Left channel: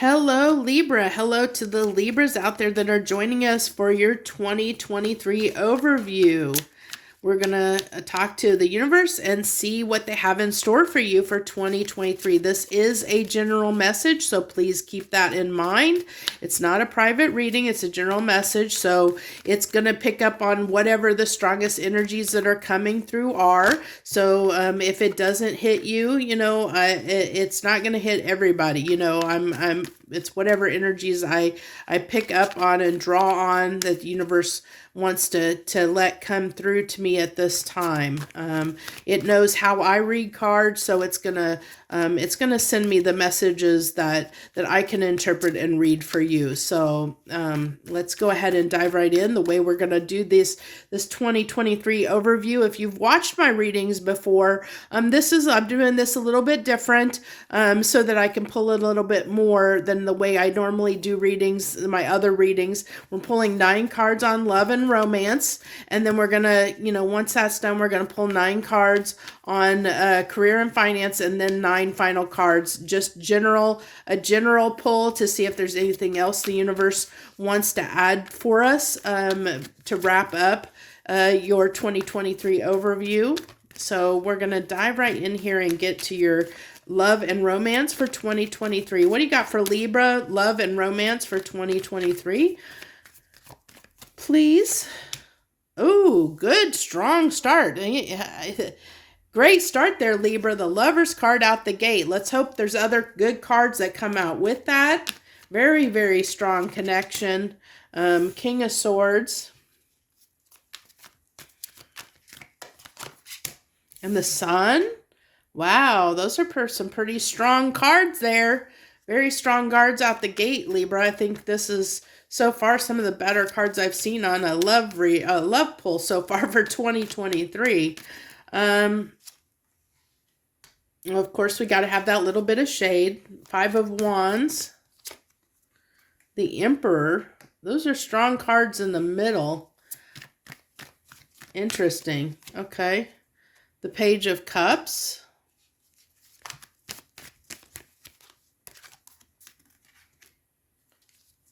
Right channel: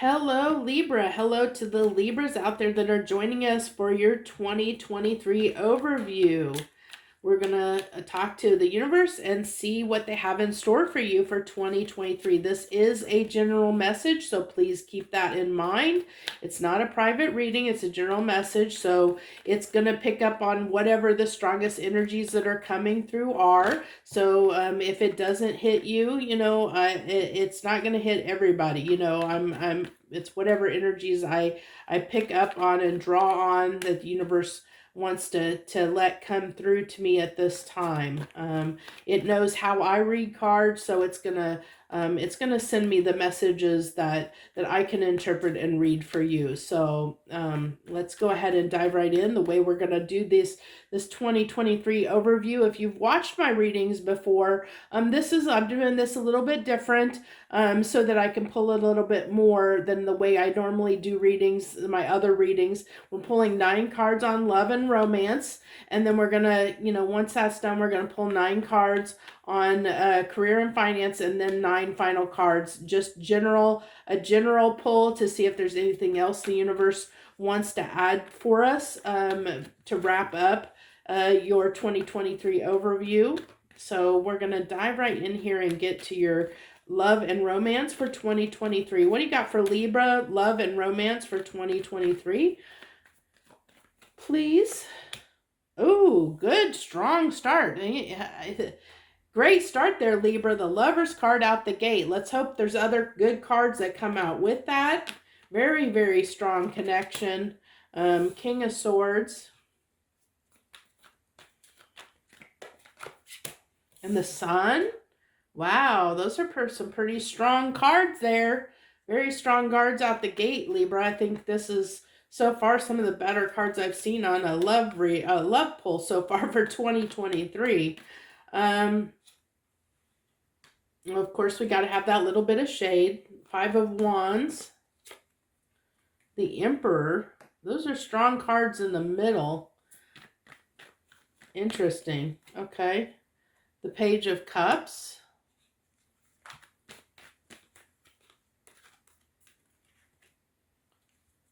Hello, Libra. Hello to the Libras out there that are joining us for your 2023 overview. We're going to talk to the universe and see what they have in store for you for 2023. This is a general message, so please keep that in mind. It's not a private reading, it's a general message, so it's going to pick up on whatever the strongest energies that are coming through are. So if it doesn't hit you, it's not going to hit everybody. It's whatever energies I pick up on and draw on that the universe wants to let come through to me at this time. It knows how I read cards, so it's gonna send me the messages that I can interpret and read for you. So let's go ahead and dive right in. The way we're gonna do this 2023 overview. If you've watched my readings before, I'm doing this a little bit different, so that I can pull a little bit more than the way I normally do readings. My other readings, we're pulling 9 cards on love and romance, and then we're gonna, once that's done, we're gonna pull 9 cards on career and finance, and then 9 final cards, just a general pull to see if there's anything else the universe wants to add for us to wrap up your 2023 overview. So we're gonna dive right in here and get to your love and romance for 2023. What do you got for Libra, love and romance for 2023? Please. Oh, good, strong start. Great start there, Libra. The Lover's card out the gate. Let's hope there's other good cards that come out with that. Very, very strong connection. King of Swords. And the Sun. Wow, those are some pretty strong cards there. Very strong cards out the gate, Libra. I think this is so far some of the better cards I've seen on a love pull so far for 2023. Of course, we got to have that little bit of shade. 5 of Wands. The Emperor. Those are strong cards in the middle. Interesting. Okay. The Page of Cups.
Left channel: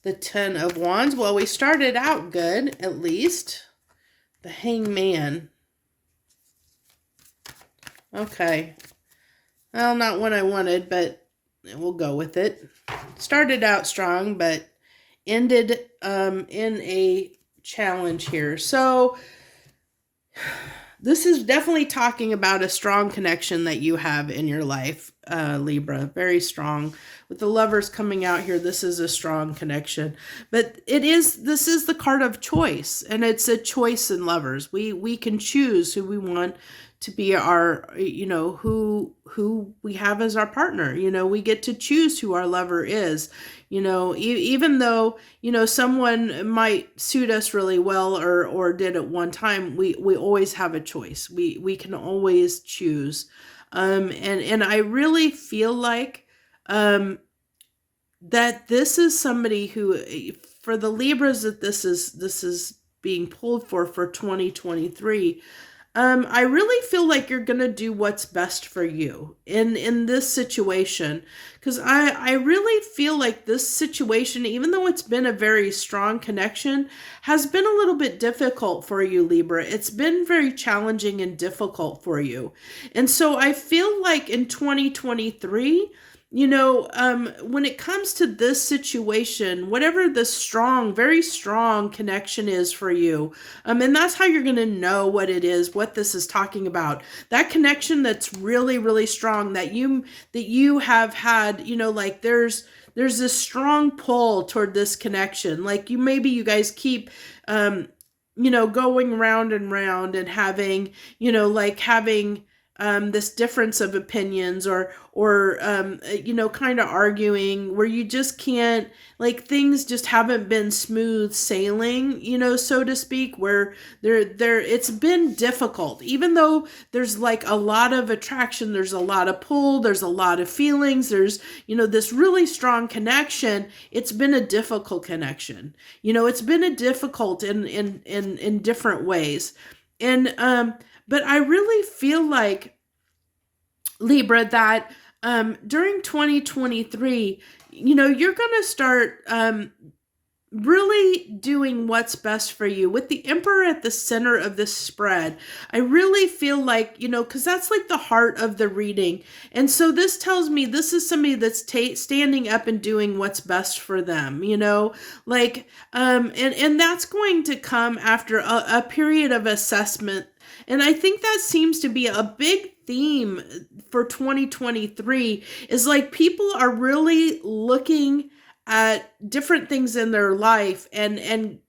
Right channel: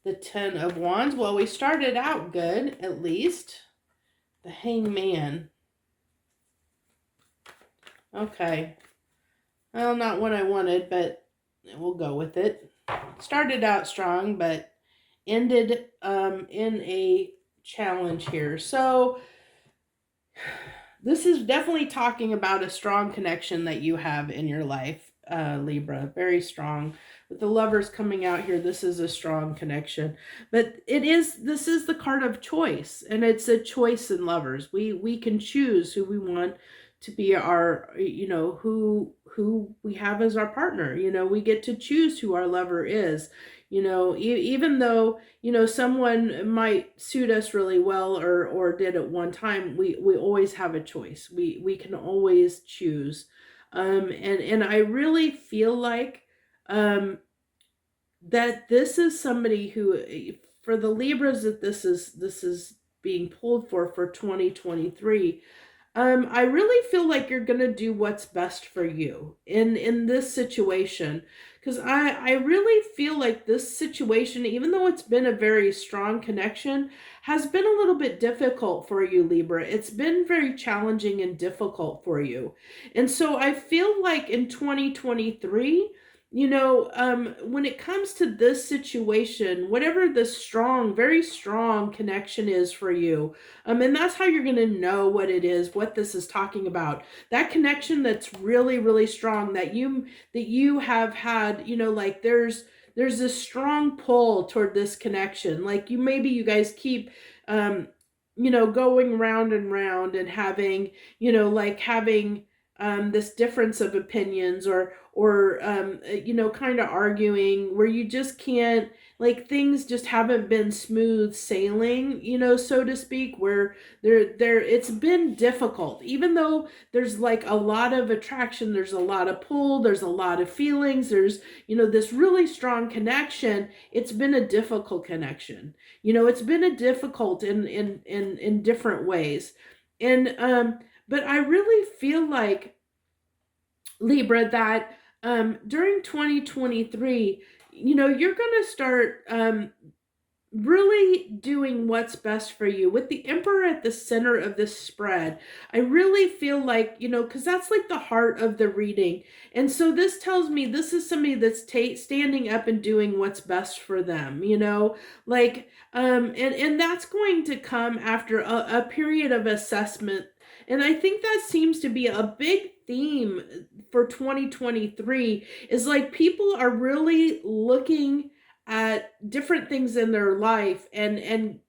The 10 of Wands. Well, we started out good, at least. The Hangman. Okay. Well, not what I wanted, but we'll go with it. Started out strong, but ended in a challenge here. So this is definitely talking about a strong connection that you have in your life, Libra. Very strong. With the Lovers coming out here, this is a strong connection. But this is the card of choice, and it's a choice in lovers. We can choose who we want to be our, who we have as our partner. We get to choose who our lover is. Even though, someone might suit us really well or did at one time, we always have a choice. We can always choose. And I really feel like that this is somebody who, for the Libras that this is being pulled for 2023, I really feel like you're going to do what's best for you in this situation. Because I really feel like this situation, even though it's been a very strong connection, has been a little bit difficult for you, Libra. It's been very challenging and difficult for you. And so I feel like in 2023, when it comes to this situation, whatever the very strong connection is for you, and that's how you're going to know what it is, what this is talking about. That connection that's really, really strong that you have had, like there's this strong pull toward this connection. Like maybe you guys keep, going round and round and having, having this difference of opinions or kind of arguing where you just can't, things just haven't been smooth sailing, so to speak, where it's been difficult. Even though there's a lot of attraction, there's a lot of pull, there's a lot of feelings, there's, this really strong connection. It's been a difficult connection. It's been a difficult in different ways. And, but I really feel like, Libra, that during 2023, you're going to start really doing what's best for you. With the Emperor at the center of this spread, I really feel like, because that's like the heart of the reading. And so this tells me this is somebody that's standing up and doing what's best for them, like, and that's going to come after a period of assessment. And I think that seems to be a big theme for 2023 is like people are really looking at different things in their life and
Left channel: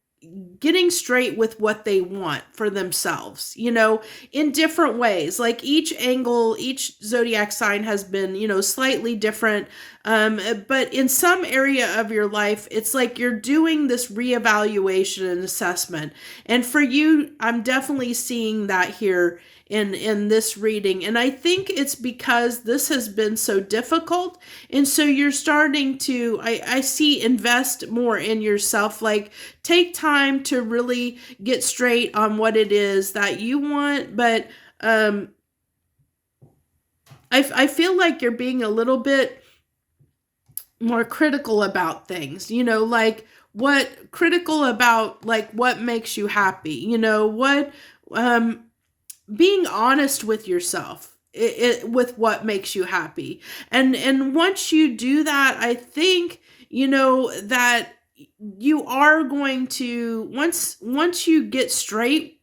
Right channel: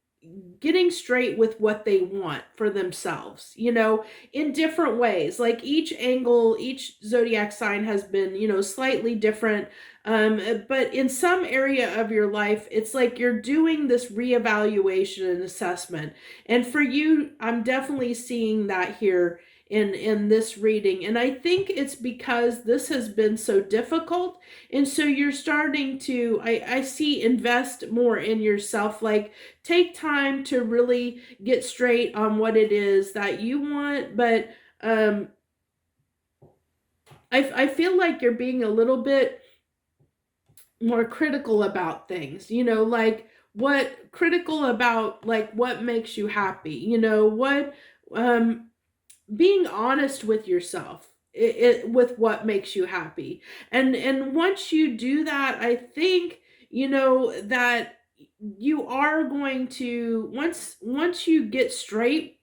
getting straight with what they want for themselves, in different ways. Like each angle, each zodiac sign has been, slightly different. But in some area of your life, it's like you're doing this reevaluation and assessment. And for you, I'm definitely seeing that here in this reading. And I think it's because this has been so difficult. And so you're starting to, I see, invest more in yourself, like take time to really get straight on what it is that you want. But I feel like you're being a little bit more critical about things, like critical about like what makes you happy, what, being honest with yourself with what makes you happy. And once you do that, I think, that you are going to, once you get straight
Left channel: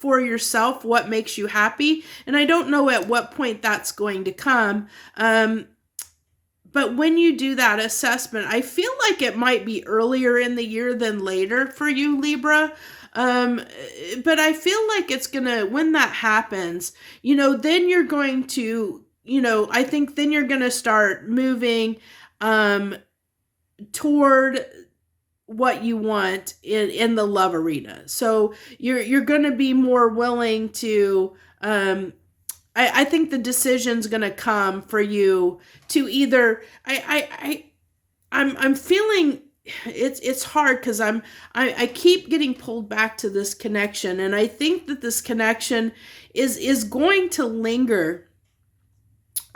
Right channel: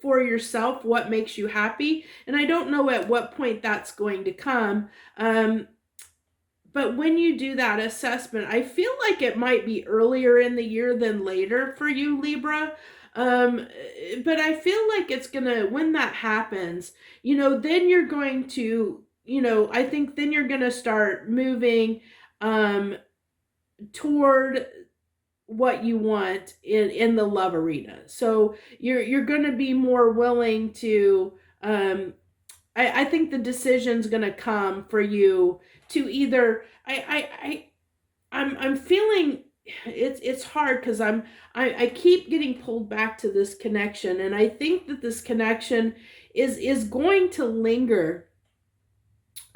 for yourself what makes you happy, and I don't know at what point that's going to come, but when you do that assessment, I feel like it might be earlier in the year than later for you, Libra. But I feel like it's gonna, when that happens, then you're going to, I think then you're gonna start moving toward what you want in the love arena. So you're gonna be more willing to, I think the decision's gonna come for you to either, I'm feeling it's hard because I keep getting pulled back to this connection, and I think that this connection is going to linger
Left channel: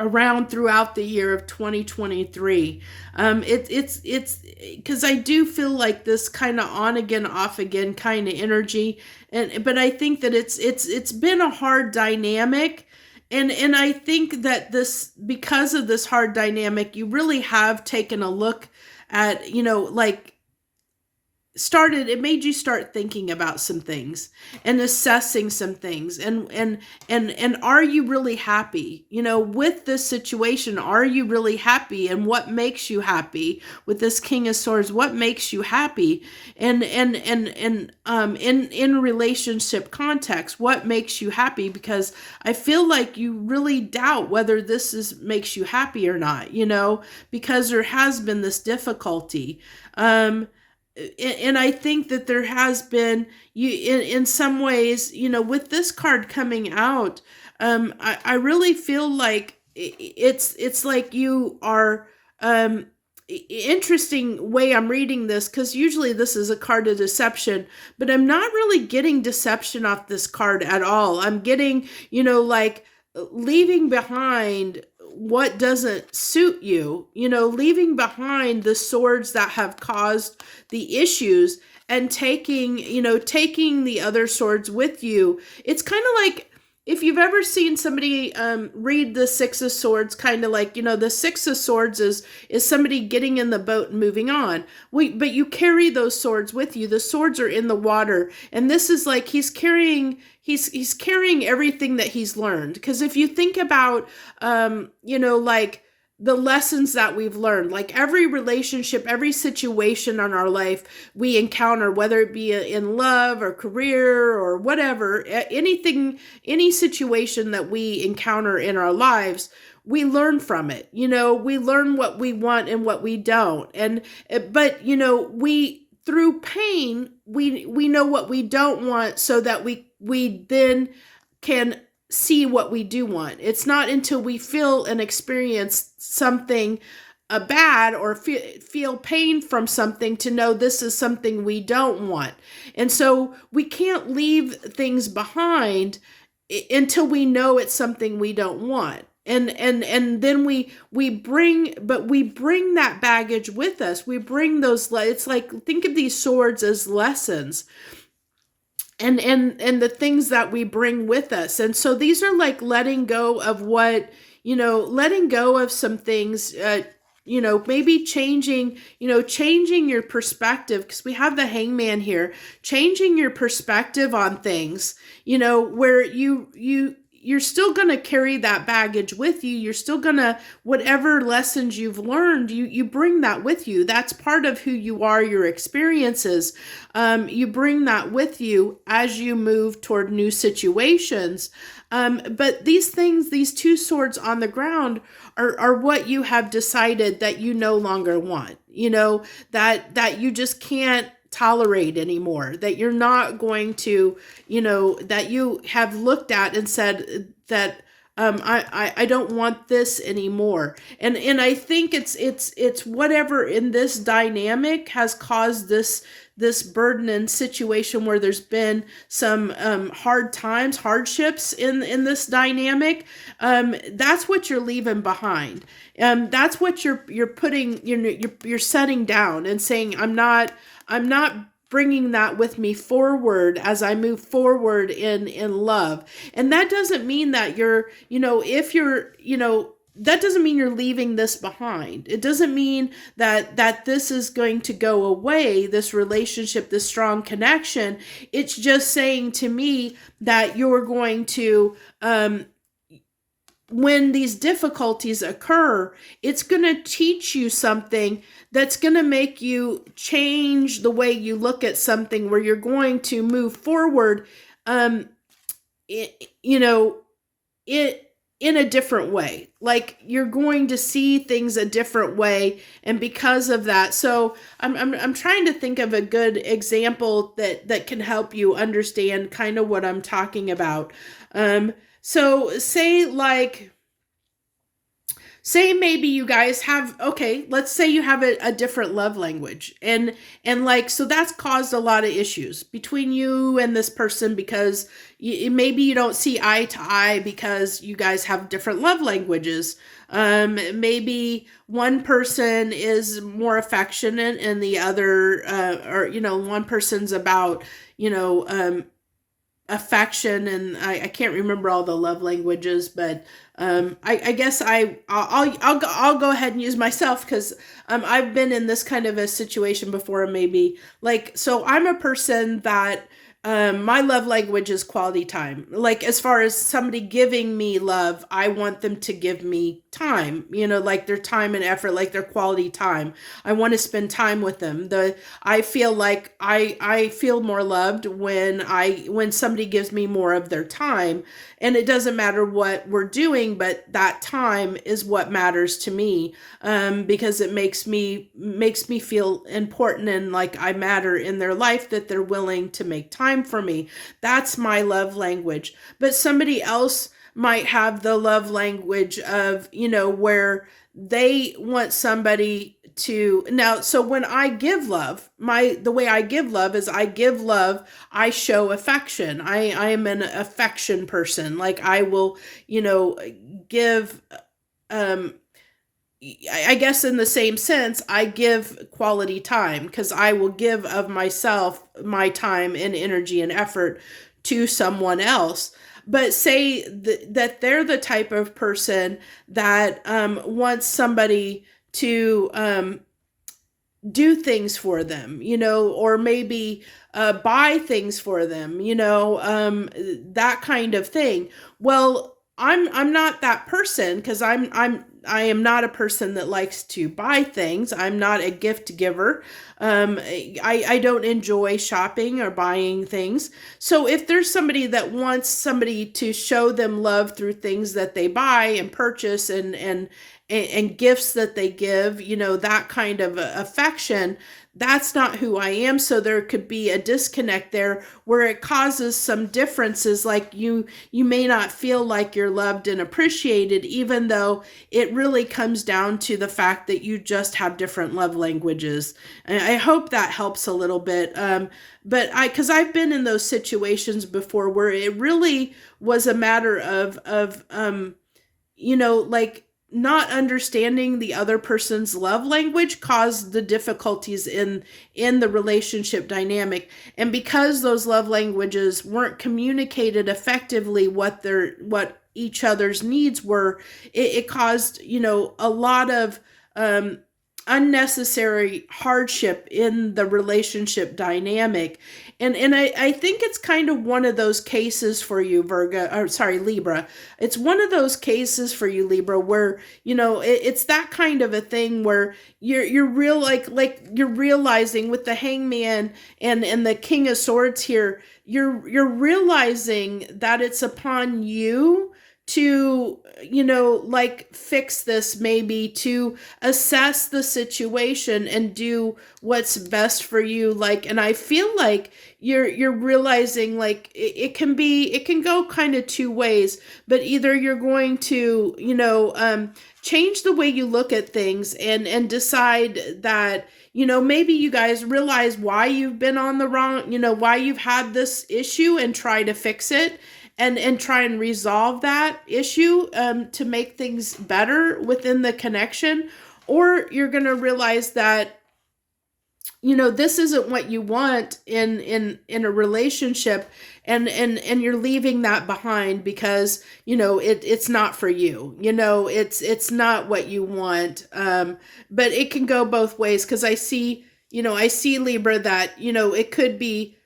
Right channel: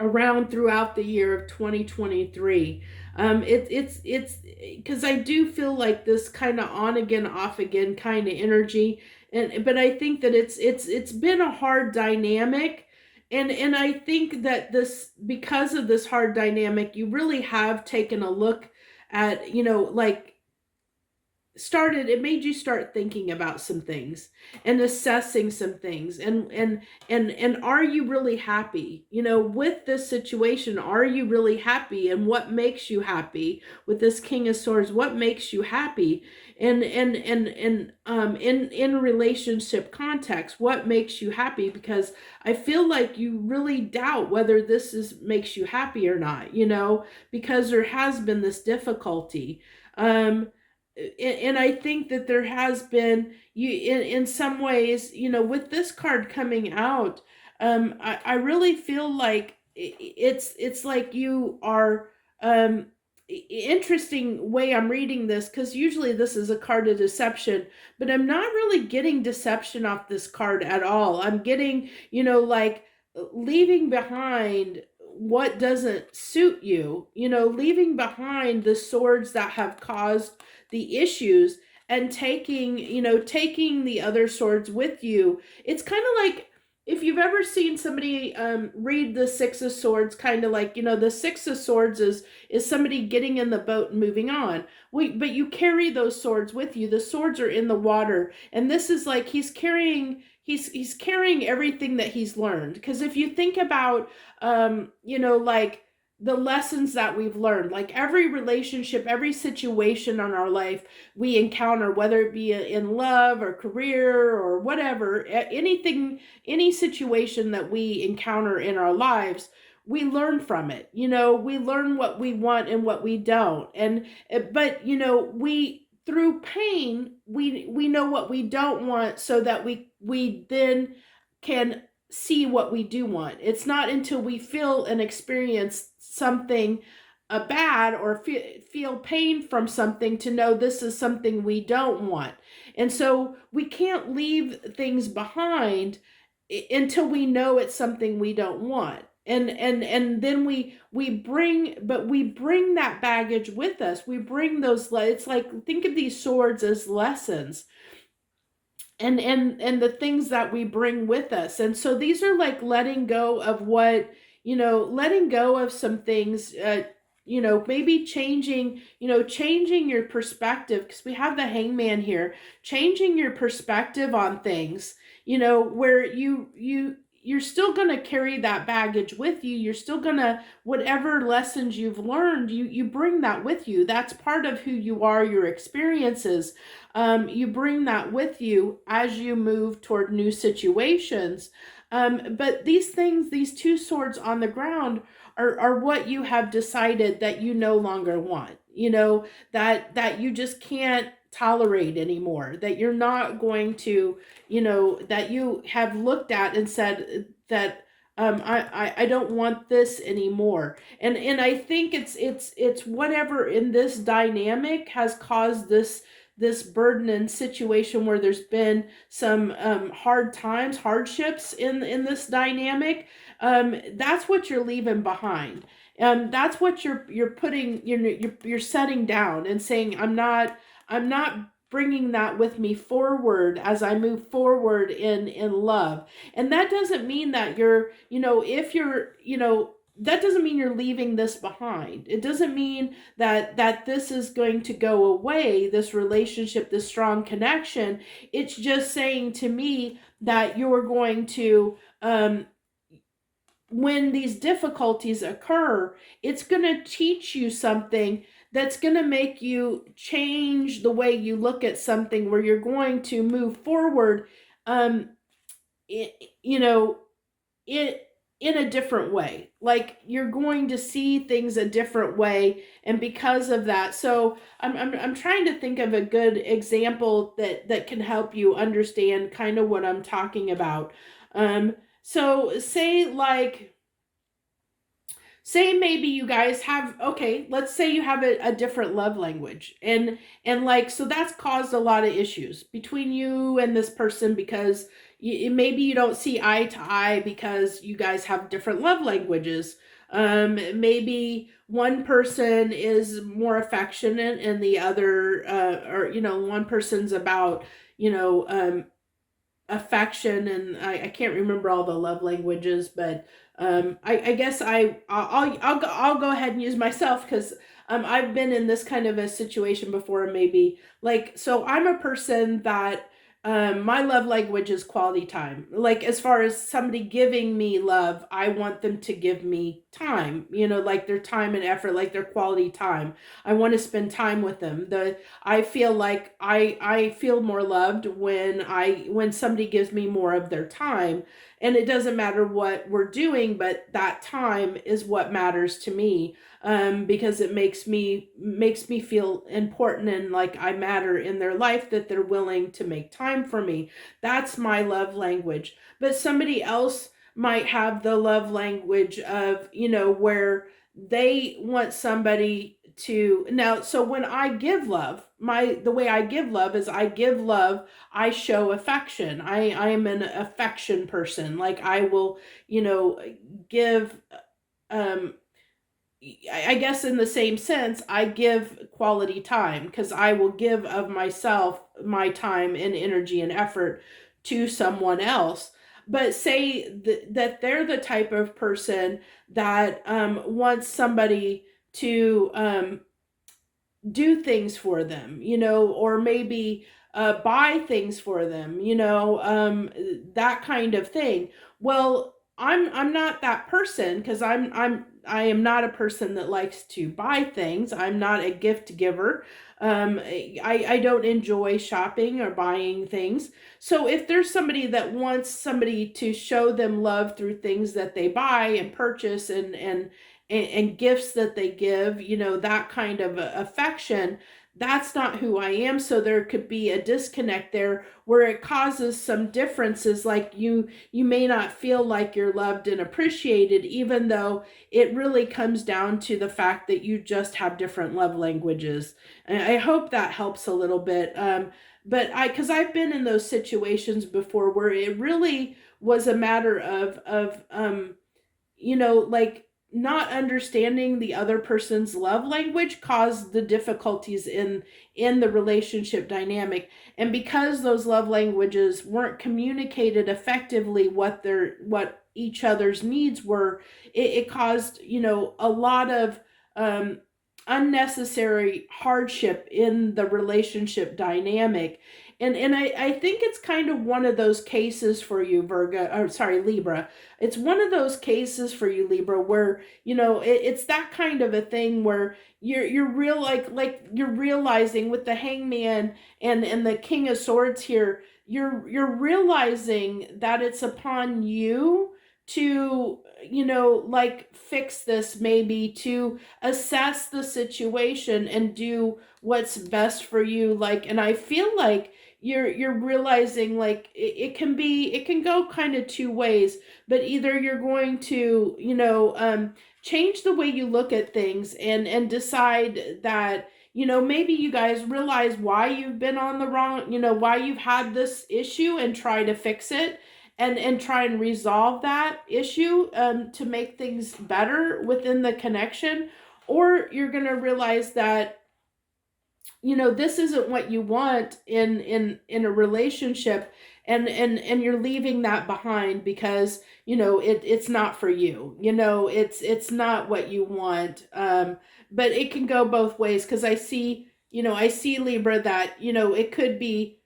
around throughout the year of 2023. It's because I do feel like this kind of on again, off again kind of energy, but I think that it's been a hard dynamic. And I think that because of this hard dynamic, you really have taken a look at, like it made you start thinking about some things and assessing some things, and are you really happy, with this situation? Are you really happy? And what makes you happy with this King of Swords? What makes you happy? And in relationship context, what makes you happy? Because I feel like you really doubt whether this makes you happy or not, because there has been this difficulty. And I think that there has been, in some ways, with this card coming out, I really feel like it's like you are, interesting way I'm reading this, because usually this is a card of deception, but I'm not really getting deception off this card at all. I'm getting, like leaving behind what doesn't suit you, leaving behind the swords that have caused the issues and taking the other swords with you. It's kind of like if you've ever seen somebody read the Six of Swords, kind of like, the Six of Swords is somebody getting in the boat and moving on. But you carry those swords with you. The swords are in the water. And this is like he's carrying everything that he's learned. Because if you think about, like the lessons that we've learned, like every relationship, every situation in our life we encounter, whether it be in love or career or whatever, any situation that we encounter in our lives, we learn from it. We learn what we want and what we don't. But we, through pain, we know what we don't want, so that we then can see what we do want. It's not until we feel and experience something bad or feel pain from something to know this is something we don't want. And so we can't leave things behind until we know it's something we don't want. and then we bring that baggage with us. We bring those, it's like, think of these swords as lessons, and the things that we bring with us. And so these are like letting go of what, letting go of some things, maybe changing your perspective, because we have the Hangman here, changing your perspective on things, where you're still going to carry that baggage with you. You're still going to, whatever lessons you've learned, you bring that with you. That's part of who you are, your experiences. You bring that with you as you move toward new situations. But these things, these two swords on the ground, are what you have decided that you no longer want, that you just can't tolerate anymore, that you're not going to, that you have looked at and said that I don't want this anymore. And I think it's whatever in this dynamic has caused this burden and situation where there's been some hardships in this dynamic. That's what you're leaving behind. That's what you're putting, you're setting down and saying, I'm not bringing that with me forward as I move forward in love. And that doesn't mean that that doesn't mean you're leaving this behind. It doesn't mean that this is going to go away, this relationship, this strong connection. It's just saying to me that you're going to, when these difficulties occur, it's going to teach you something that's going to make you change the way you look at something, where you're going to move forward, in a different way. Like, you're going to see things a different way. And because of that, so I'm trying to think of a good example that can help you understand kind of what I'm talking about. So say maybe you guys have, let's say you have a different love language, and so that's caused a lot of issues between you and this person, because maybe you don't see eye to eye because you guys have different love languages. Maybe one person is more affectionate and the other, one person's about, affection, and I can't remember all the love languages, but I guess I'll go ahead and use myself, because I've been in this kind of a situation before. Maybe, like, so I'm a person that my love language is quality time. Like, as far as somebody giving me love, I want them to give me time, like their time and effort, like their quality time. I want to spend time with them. I feel like I feel more loved when somebody gives me more of their time. And it doesn't matter what we're doing, but that time is what matters to me, because it makes me feel important and like I matter in their life, that they're willing to make time for me. That's my love language. But somebody else might have the love language of, where they want somebody to, now, so when I give love, the way I give love is I give love, I show affection. I am an affection person. Like, I will, give, I guess in the same sense, I give quality time, because I will give of myself, my time and energy and effort to someone else. But say that they're the type of person that wants somebody to do things for them, or maybe buy things for them, that kind of thing. Well, I'm not that person, because I am not a person that likes to buy things. I'm not a gift giver. I don't enjoy shopping or buying things. So if there's somebody that wants somebody to show them love through things that they buy and purchase and gifts that they give, that kind of affection, that's not who I am. So there could be a disconnect there where it causes some differences. Like, you may not feel like you're loved and appreciated, even though it really comes down to the fact that you just have different love languages. And I hope that helps a little bit. But because I've been in those situations before where it really was a matter of like not understanding the other person's love language caused the difficulties in the relationship dynamic. And because those love languages weren't communicated effectively what each other's needs were, it caused, a lot of unnecessary hardship in the relationship dynamic. And I think it's kind of one of those cases for you, Libra. It's one of those cases for you, Libra, where, it's that kind of a thing where you're real, like you're realizing with the Hangman and the King of Swords here, you're realizing that it's upon you to, fix this, maybe to assess the situation and do what's best for you. And I feel like you're realizing it can go kind of two ways, but either you're going to, change the way you look at things and decide that, maybe you guys realize why you've been on the wrong, why you've had this issue and try to fix it. And try and resolve that issue to make things better within the connection. Or you're going to realize that, this isn't what you want in a relationship, and you're leaving that behind because, it's not for you. It's not what you want. But it can go both ways, because I see Libra that, it could be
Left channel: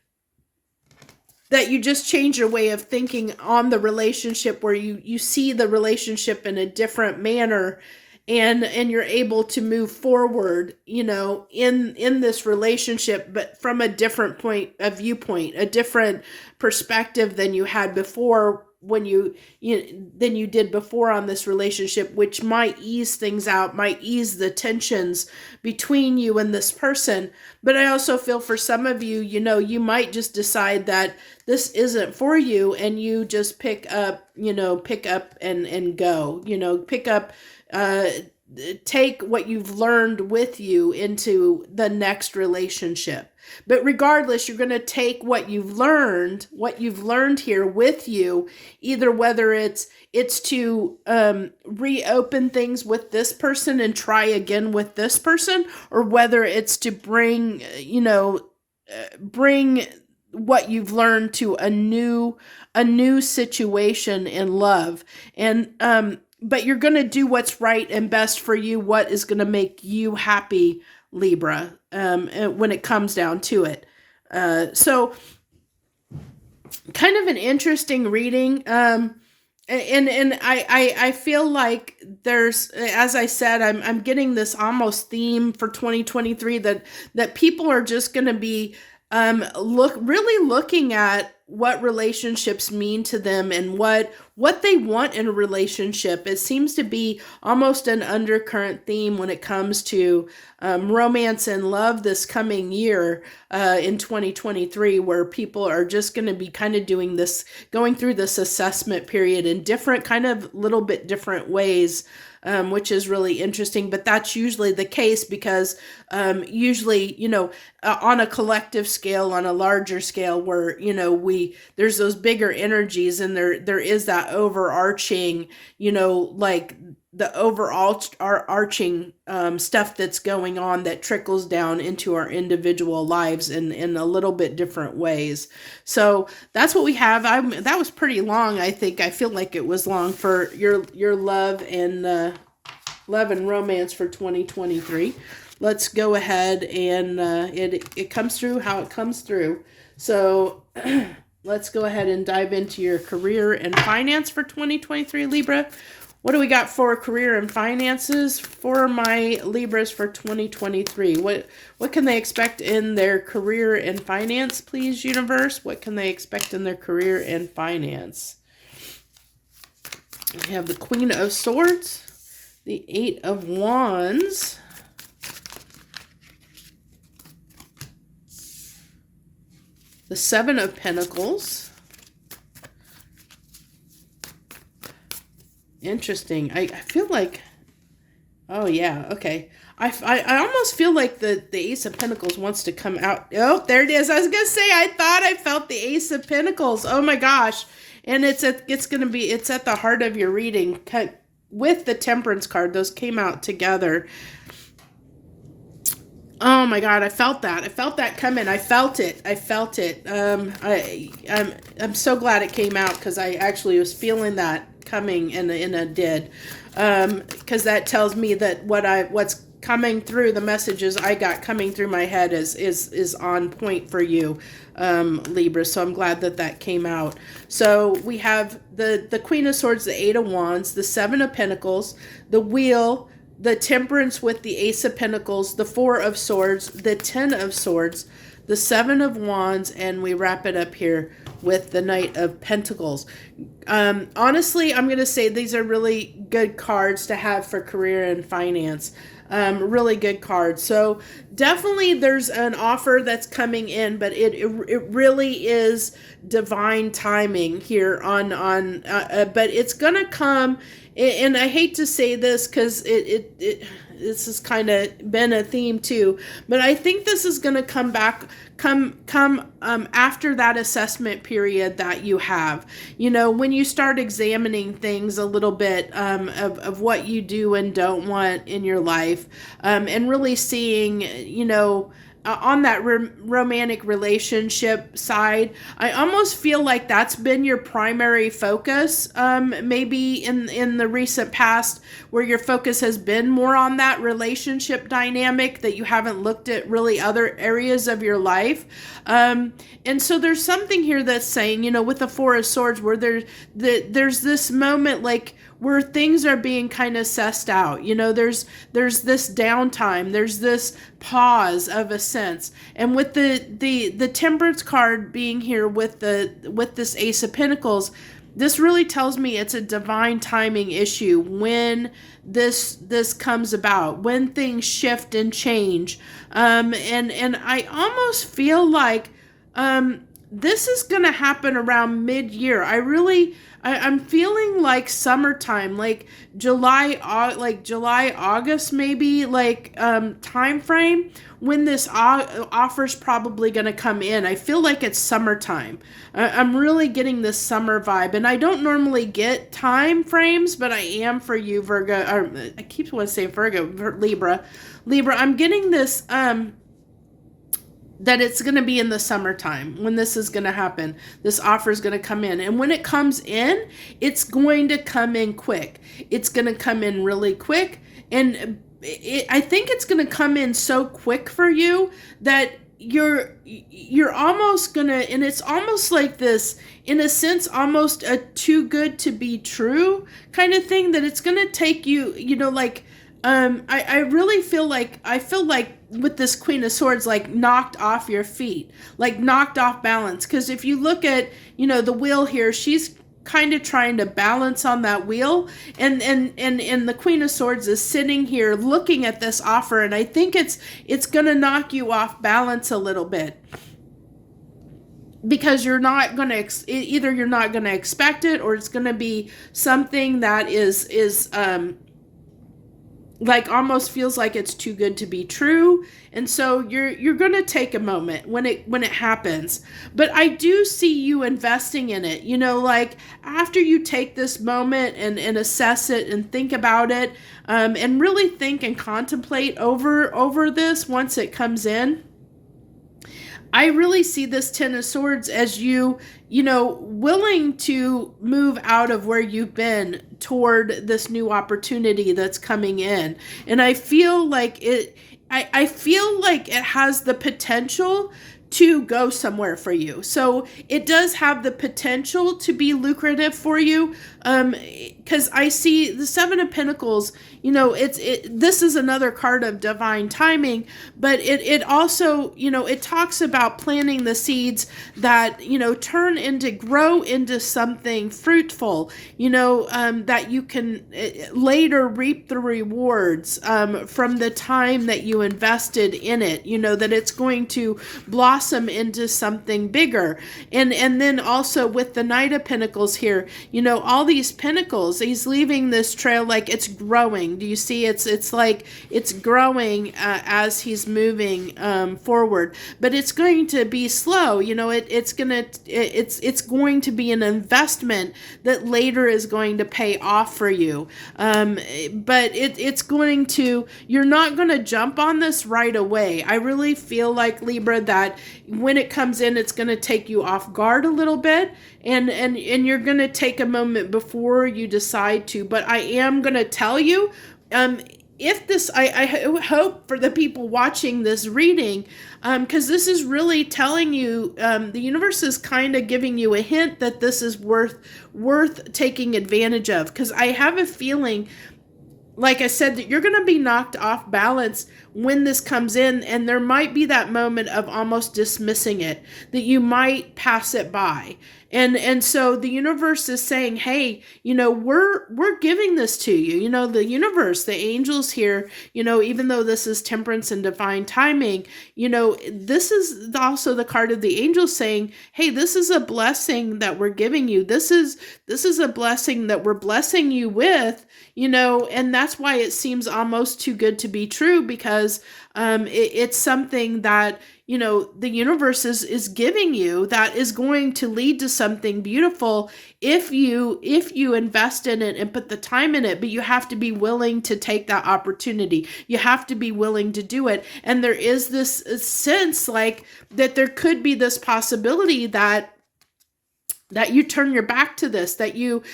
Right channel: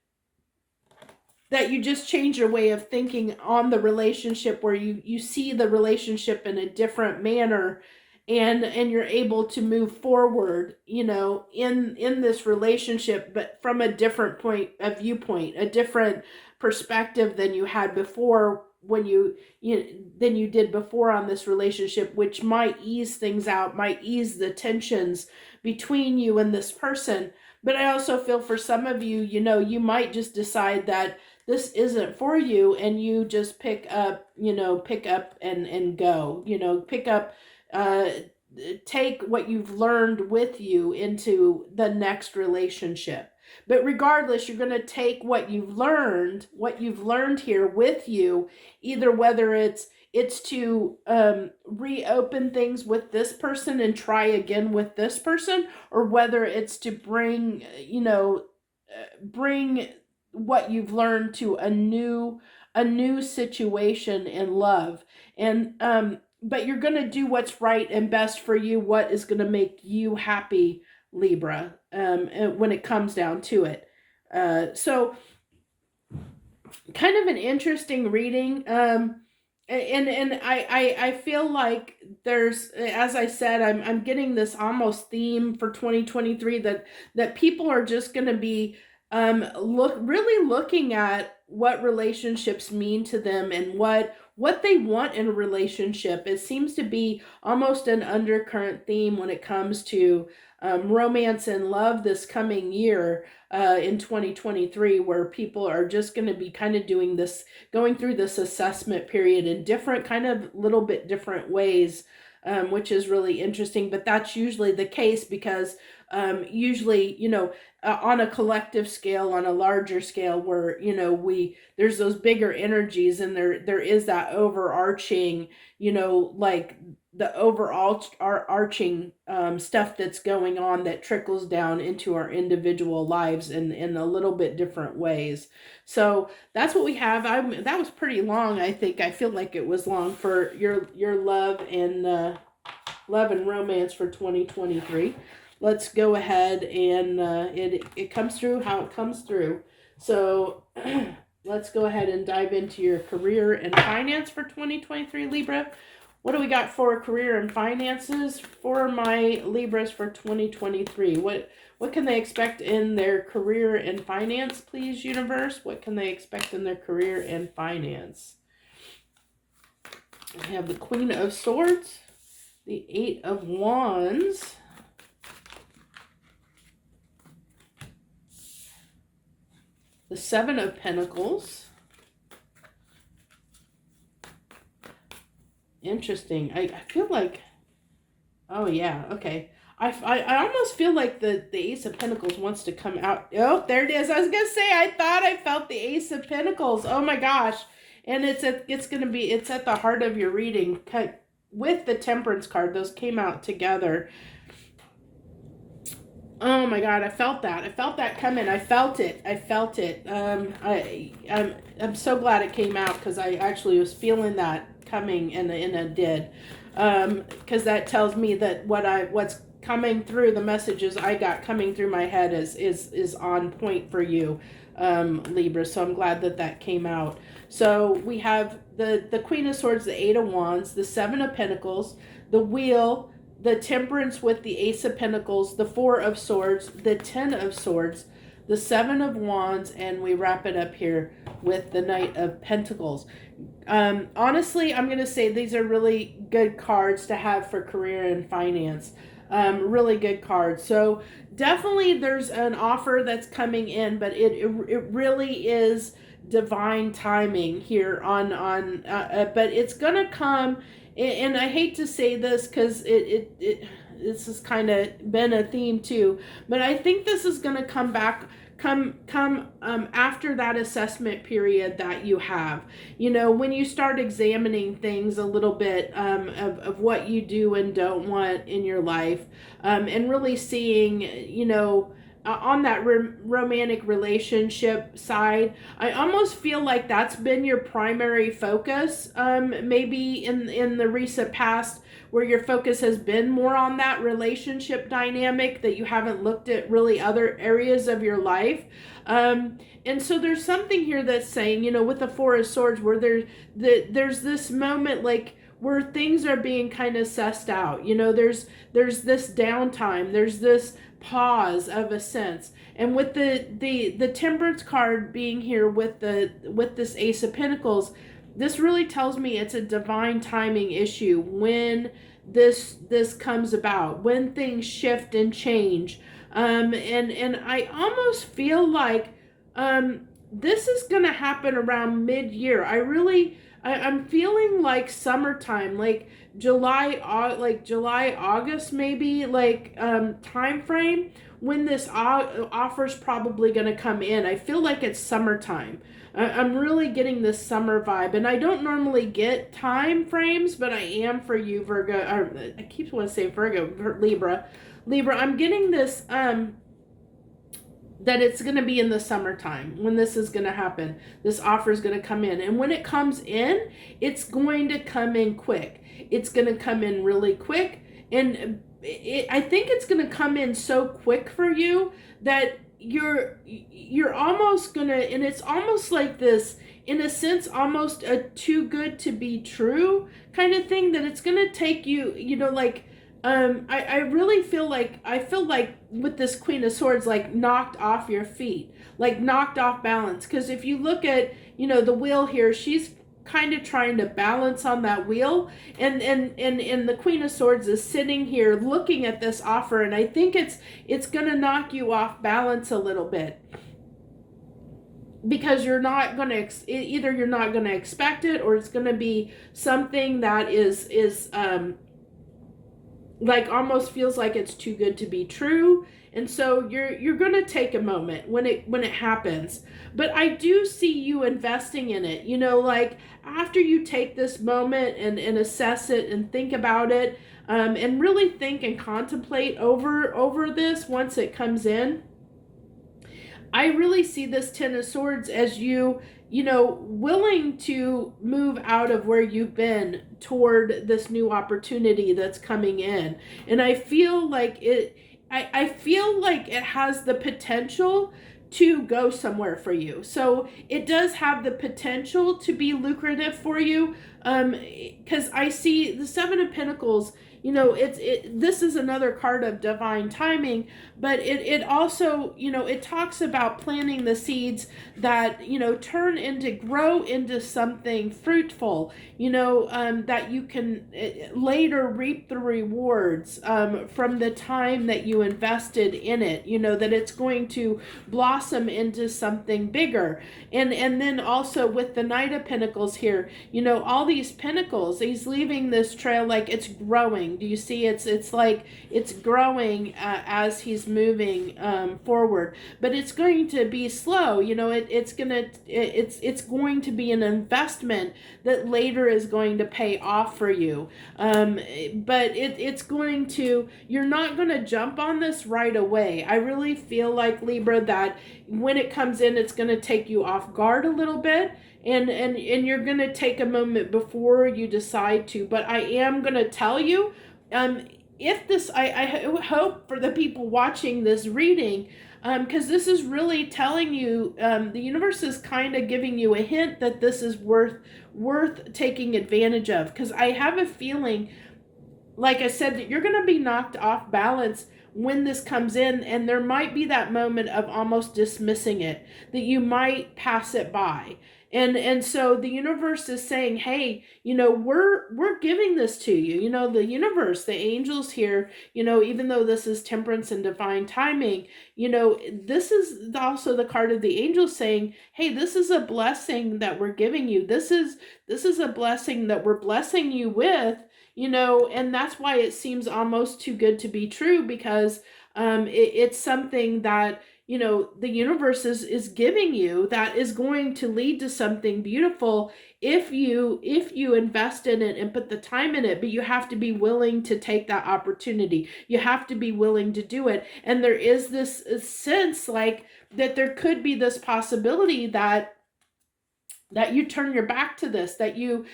that you just change your way of thinking on the relationship, where you see the relationship in a different manner, and you're able to move forward, in this relationship, but from a different viewpoint, a different perspective than you had before, than you did before on this relationship, which might ease things out, might ease the tensions between you and this person. But I also feel for some of you, you might just decide that this isn't for you, and you just pick up and go, pick up, take what you've learned with you into the next relationship. But regardless, you're going to take what you've learned here with you, either whether it's to reopen things with this person and try again with this person, or whether it's to bring what you've learned to a new situation in love. And but you're going to do what's right and best for you, what is going to make you happy, Libra, when it comes down to it. So kind of an interesting reading. And I feel like there's, as I said, I'm getting this almost theme for 2023 that people are just going to be really looking at what relationships mean to them and what they want in a relationship. It seems to be almost an undercurrent theme when it comes to romance and love this coming year in 2023, where people are just going to be kind of going through this assessment period in different kind of little bit different ways. Which is really interesting, but that's usually the case because usually, on a collective scale, on a larger scale, where, there's those bigger energies, and there is that overarching, like the overall arching stuff that's going on that trickles down into our individual lives in a little bit different ways. So that's what we have. That was pretty long. I think I feel like it was long for your love and romance for 2023. Let's go ahead and it comes through how it comes through. So let's go ahead and dive into your career and finance for 2023, Libra. What do we got for career and finances for my Libras for 2023? What can they expect in their career and finance, please, universe? What can they expect in their career and finance? We have the Queen of Swords, the Eight of Wands, the Seven of Pentacles. Interesting. I feel like, oh yeah, okay. I almost feel like the Ace of Pentacles wants to come out. Oh, there it is. I was gonna say, I thought I felt the Ace of Pentacles. Oh my gosh. And it's at the heart of your reading. with the Temperance card. Those came out together. Oh my God, I felt that. I felt that coming. I felt it. I'm so glad it came out, because I actually was feeling that coming, and it did. Because that tells me that what's coming through, the messages I got coming through my head is on point for you, Libra. So I'm glad that came out. So we have the Queen of Swords, the Eight of Wands, the Seven of Pentacles, the Wheel, the Temperance with the Ace of Pentacles, the Four of Swords, the Ten of Swords, the Seven of Wands, and we wrap it up here with the Knight of Pentacles. Honestly, I'm going to say these are really good cards to have for career and finance. Really good cards. So definitely there's an offer that's coming in, but it really is divine timing here but it's going to come. And I hate to say this, because this has kind of been a theme too, but I think this is going to come after that assessment period that you have. When you start examining things a little bit, of what you do and don't want in your life, and really seeing, on that romantic relationship side, I almost feel like that's been your primary focus, maybe in the recent past, where your focus has been more on that relationship dynamic, that you haven't looked at really other areas of your life. And so there's something here that's saying, with the Four of Swords, where there's this moment, like, where things are being kind of sussed out. There's this downtime, there's this pause of a sense. And with the Temperance card being here with this Ace of Pentacles, this really tells me it's a divine timing issue when this comes about, when things shift and change. And I almost feel like this is going to happen around mid-year. I'm feeling like summertime, like July, August, maybe, time frame when this offer's probably going to come in. I feel like it's summertime. I'm really getting this summer vibe, and I don't normally get time frames, but I am for you, Virgo. Or I keep wanting to say Virgo, Libra. I'm getting this, that it's going to be in the summertime when this is going to happen. This offer is going to come in. And when it comes in, it's going to come in quick. It's going to come in really quick. And I think it's going to come in so quick for you that you're almost going to, and it's almost like this, in a sense, almost a too good to be true kind of thing, that it's going to take you, I really feel like with this Queen of Swords, like knocked off your feet, like knocked off balance. Because if you look at, the wheel here, she's kind of trying to balance on that wheel, and the Queen of Swords is sitting here looking at this offer, and I think it's going to knock you off balance a little bit. Because you're not going to, either you're not going to expect it, or it's going to be something that is like almost feels like it's too good to be true. And so you're going to take a moment when it happens. But I do see you investing in it, like after you take this moment and assess it and think about it, and really think and contemplate over this once it comes in. I really see this Ten of Swords as you willing to move out of where you've been toward this new opportunity that's coming in. And I feel like I feel like it has the potential to go somewhere for you. So it does have the potential to be lucrative for you. Because I see the Seven of Pentacles, this is another card of divine timing, but it also, it talks about planting the seeds that, grow into something fruitful, that you can later reap the rewards from the time that you invested in it, that it's going to blossom into something bigger. And then also with the Knight of Pentacles here, all these pentacles, he's leaving this trail like it's growing. growing. Do you see? It's like it's growing as he's moving forward, but it's going to be slow. You know, it's going to be an investment that later is going to pay off for you. But it's going to, you're not going to jump on this right away. I really feel like, Libra, that when it comes in, it's going to take you off guard a little bit, and you're going to take a moment before you decide to. But I am going to tell you, if this, I hope for the people watching this reading, because this is really telling you, the universe is kind of giving you a hint that this is worth taking advantage of. Because I have a feeling, like I said, that you're going to be knocked off balance when this comes in, and there might be that moment of almost dismissing it, that you might pass it by. And so the universe is saying, hey, you know, we're giving this to you. You know, the universe, the angels here, you know, even though this is temperance and divine timing, you know, this is also the card of the angels saying, hey, this is a blessing that we're giving you. This is a blessing that we're blessing you with, you know, and that's why it seems almost too good to be true, because it's something that, you know, the universe is giving you that is going to lead to something beautiful if you invest in it and put the time in it. But you have to be willing to take that opportunity. You have to be willing to do it. And there is this sense like that there could be this possibility that you turn your back to this, that you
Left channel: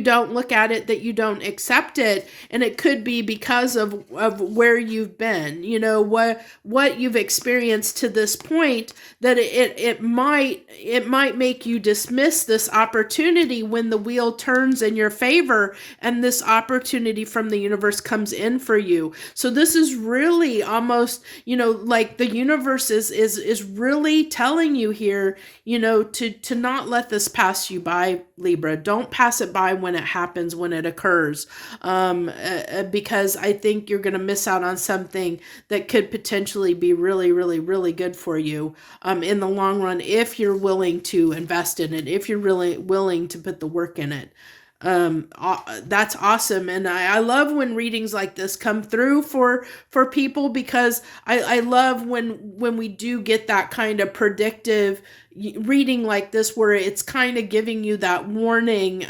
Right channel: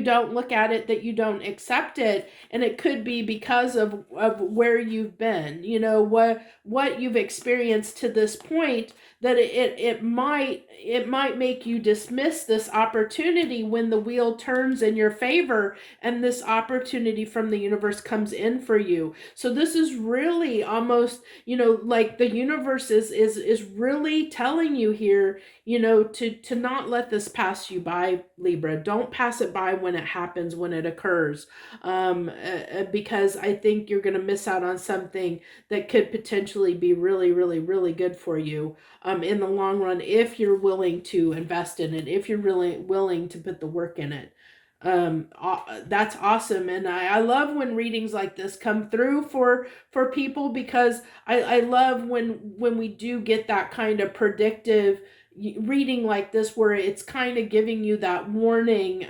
don't look at it, that you don't accept it. And it could be because of where you've been, you know, what you've experienced to this point, that it might make you dismiss this opportunity when the wheel turns in your favor and this opportunity from the universe comes in for you. So this is really almost, you know, like the universe is really telling you here, you know, to not let this pass you by, Libra. Don't pass it by when it happens, when it occurs, because I think you're going to miss out on something that could potentially be really, really, really good for you in the long run, if you're willing to invest in it, if you're really willing to put the work in it. That's awesome. And I love when readings like this come through for people, because I love when we do get that kind of predictive reading like this, where it's kind of giving you that warning,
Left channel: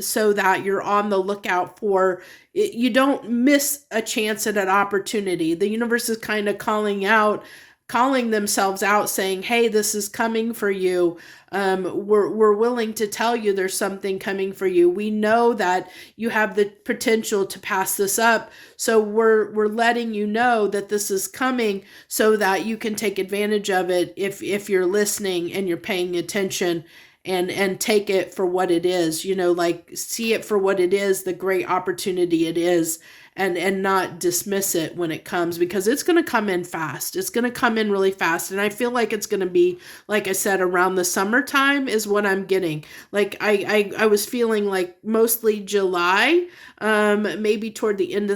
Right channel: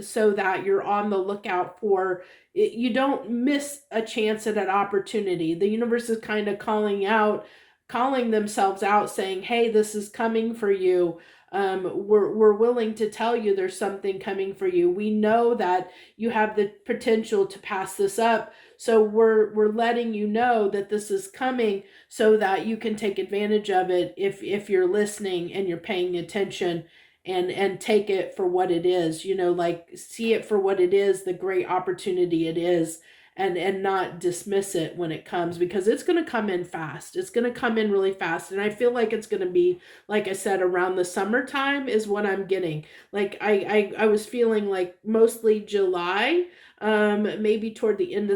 so that you're on the lookout for it. You don't miss a chance at an opportunity. The universe is kind of calling themselves out, saying, hey, this is coming for you. We're willing to tell you there's something coming for you. We know that you have the potential to pass this up. So we're letting you know that this is coming so that you can take advantage of it if you're listening and you're paying attention, and take it for what it is, you know, like see it for what it is, the great opportunity it is. And not dismiss it when it comes, because it's going to come in fast. It's going to come in really fast. And I feel like it's going to be, like I said, around the summertime is what I'm getting. Like I was feeling like mostly July, maybe toward the end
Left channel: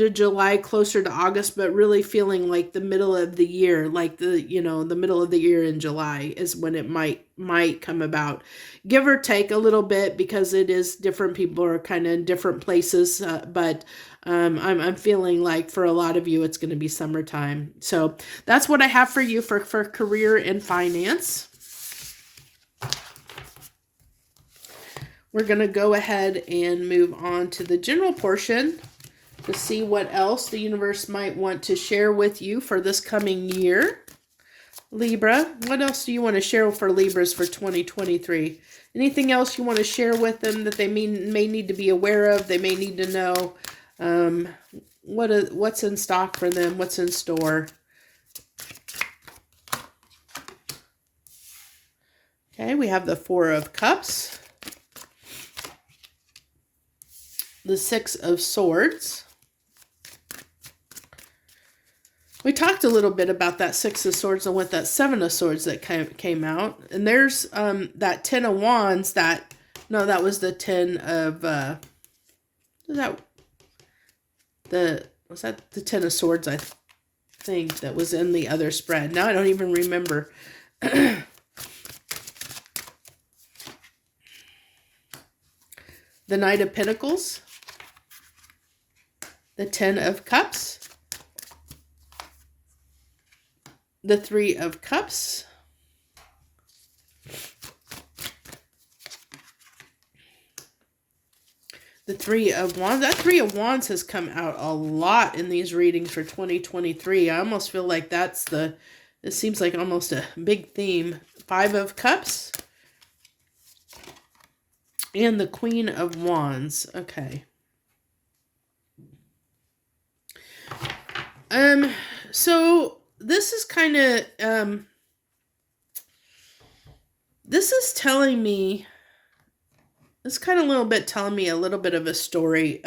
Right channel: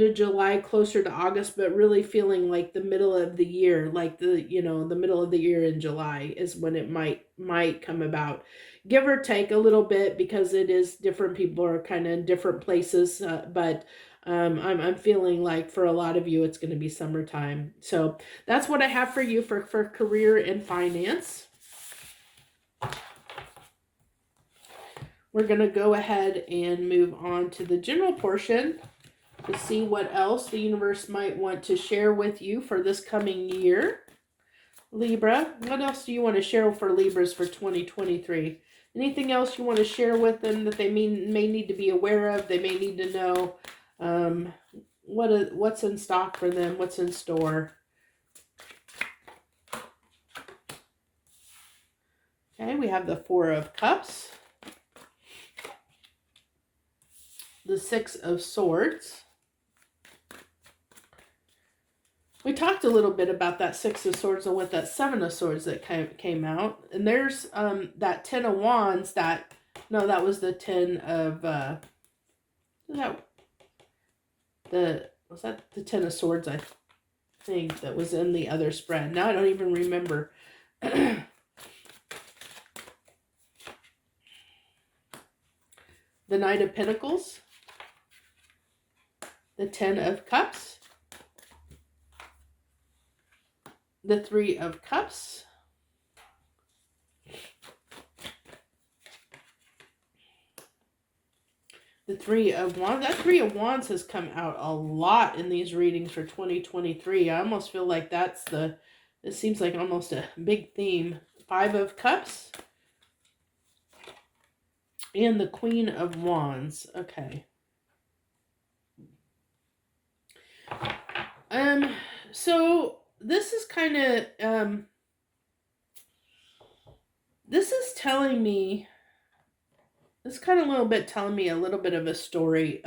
of July, closer to August, but really feeling like the middle of the year, like the middle of the year in July is when it might come about. Give or take a little bit, because it is different. People are kind of in different places, but I'm feeling like for a lot of you, it's going to be summertime. So that's what I have for you for career and finance. We're going to go ahead and move on to the general portion to see what else the universe might want to share with you for this coming year. Libra, what else do you want to share for Libras for 2023? Anything else you want to share with them that they may need to be aware of? They may need to know what's in stock for them, what's in store. Okay, we have the Four of Cups, the Six of Swords. We talked a little bit about that Six of Swords and what that Seven of Swords that came out. And there's that Ten of Wands that was the Ten of was that the Ten of Swords, I think, that was in the other spread. Now I don't even remember. The Knight of Pentacles. the Ten of Cups, the Three of Cups, the Three of Wands. That Three of Wands has come out a lot in these readings for 2023. I almost feel like this seems like almost a big theme. Five of Cups and the Queen of Wands. Okay. So this is kind of, this is telling me, this kind of little bit telling me a little bit of a story.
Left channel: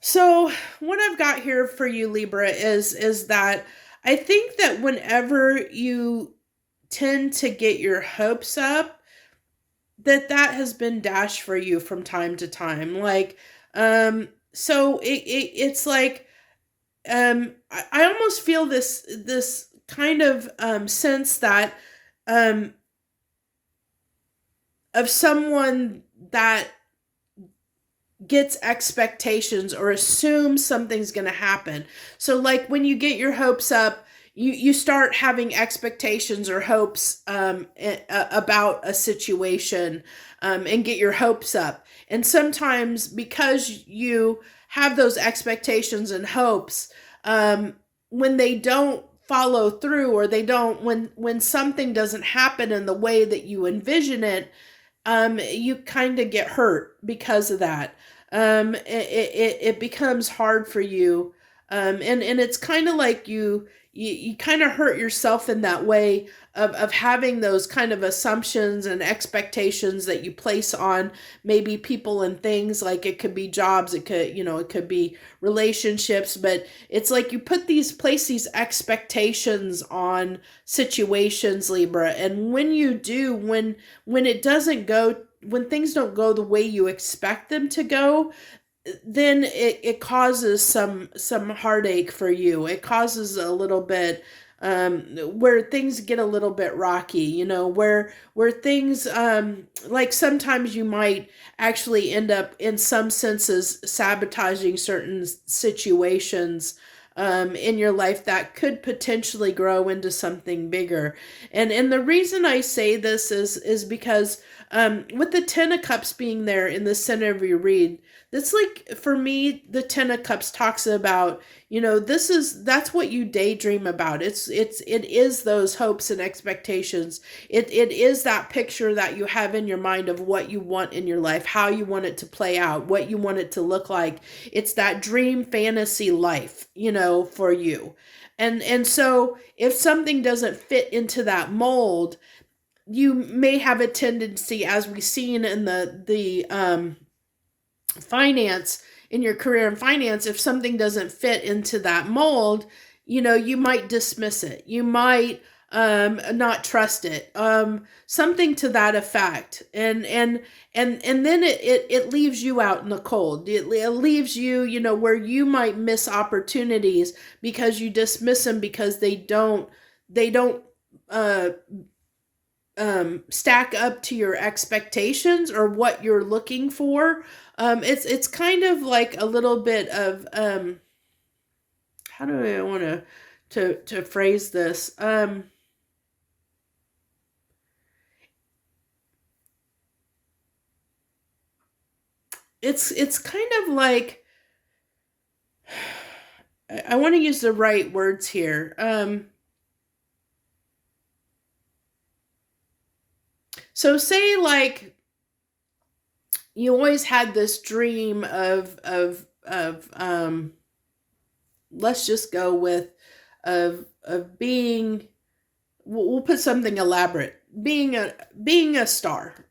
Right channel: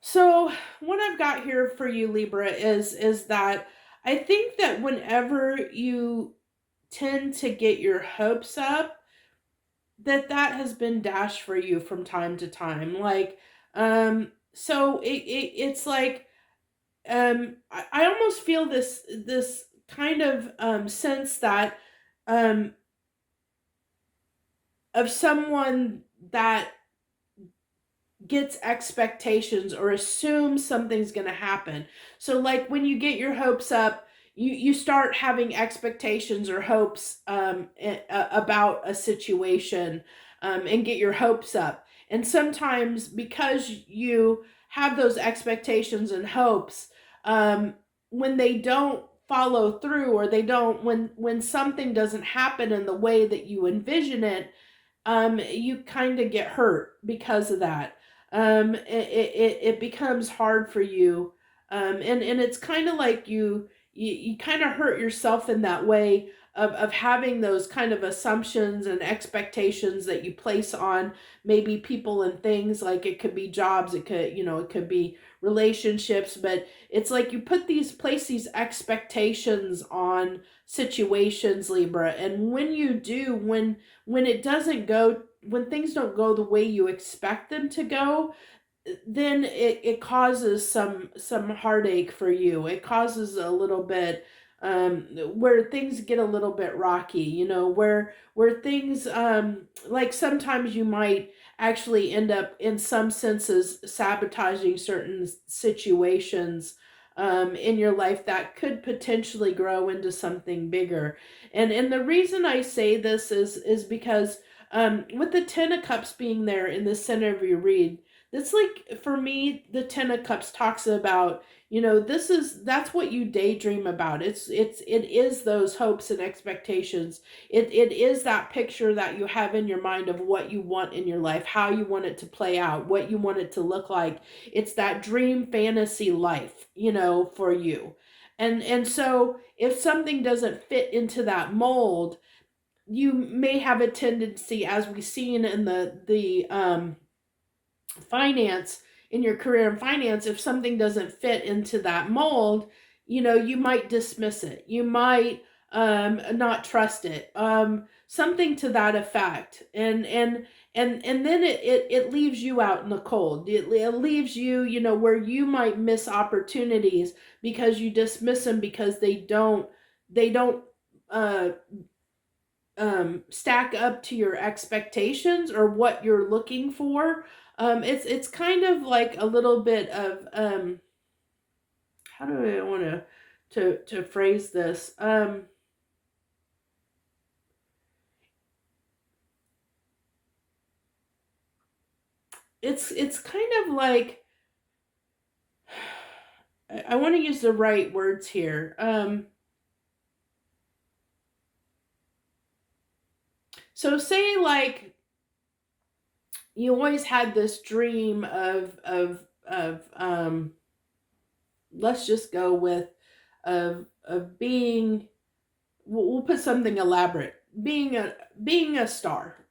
So what I've got here for you, Libra, is that I think that whenever you tend to get your hopes up, that has been dashed for you from time to time. Like, so it's like, I almost feel this kind of sense that of someone that gets expectations or assumes something's going to happen. So like when you get your hopes up, you start having expectations or hopes about a situation, and get your hopes up. And sometimes because you have those expectations and hopes, when they don't follow through, or they don't, when something doesn't happen in the way that you envision it, you kind of get hurt because of that. It becomes hard for you. And it's kind of like you kind of hurt yourself in that way of having those kind of assumptions and expectations that you place on maybe people and things. Like it could be jobs, it could be relationships, but it's like you place these expectations on situations, Libra. And when you do, when it doesn't go, when things don't go the way you expect them to go, then it causes some heartache for you. It causes a little bit where things get a little bit rocky, where things like sometimes you might actually end up in some senses sabotaging certain situations in your life that could potentially grow into something bigger. And the reason I say this is because with the Ten of Cups being there in the center of your read, that's like, for me, the Ten of Cups talks about, that's what you daydream about. It is those hopes and expectations. It is that picture that you have in your mind of what you want in your life, how you want it to play out, what you want it to look like. It's that dream fantasy life, for you. And so if something doesn't fit into that mold, you may have a tendency, as we've seen in the finance, in your career and finance, if something doesn't fit into that mold, you might dismiss it. You might not trust it. Something to that effect. And then it leaves you out in the cold. It leaves you, where you might miss opportunities because you dismiss them because they don't stack up to your expectations or what you're looking for. It's kind of like a little bit of how do I want to phrase this? It's kind of like, I want to use the right words here. So say like you always had this dream of let's just go with of being, we'll put something elaborate, being a star,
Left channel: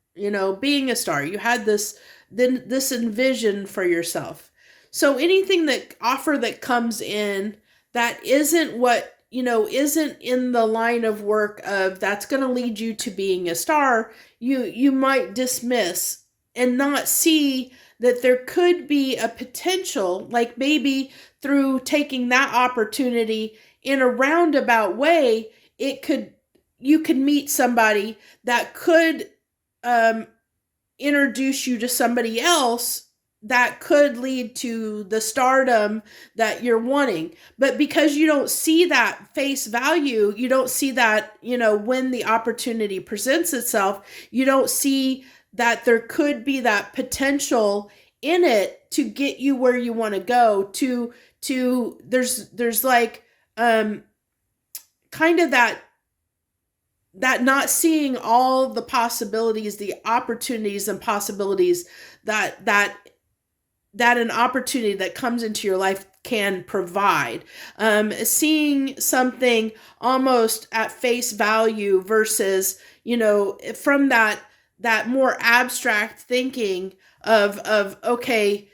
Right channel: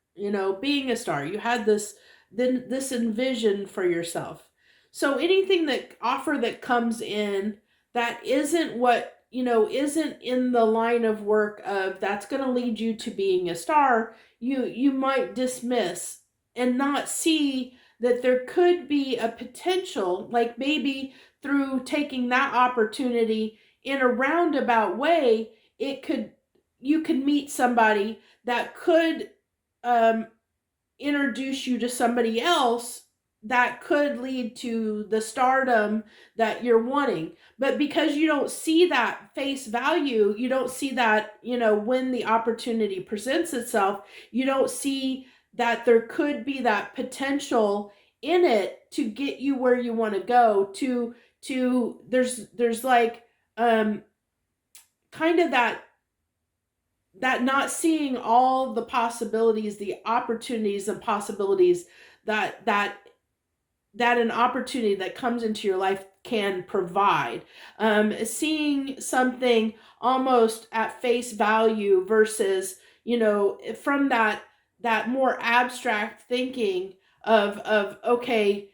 being a star. You had this envision for yourself. So anything that comes in that isn't what, isn't in the line of work of that's going to lead you to being a star, you might dismiss and not see that there could be a potential, like maybe through taking that opportunity in a roundabout way, you could meet somebody that could introduce you to somebody else that could lead to the stardom that you're wanting. But because you don't see that face value, you don't see that, when the opportunity presents itself, you don't see that there could be that potential in it to get you where you want to go, to there's like kind of that not seeing all the possibilities, the opportunities and possibilities that an opportunity that comes into your life can provide. Seeing something almost at face value versus, from that more abstract thinking of okay,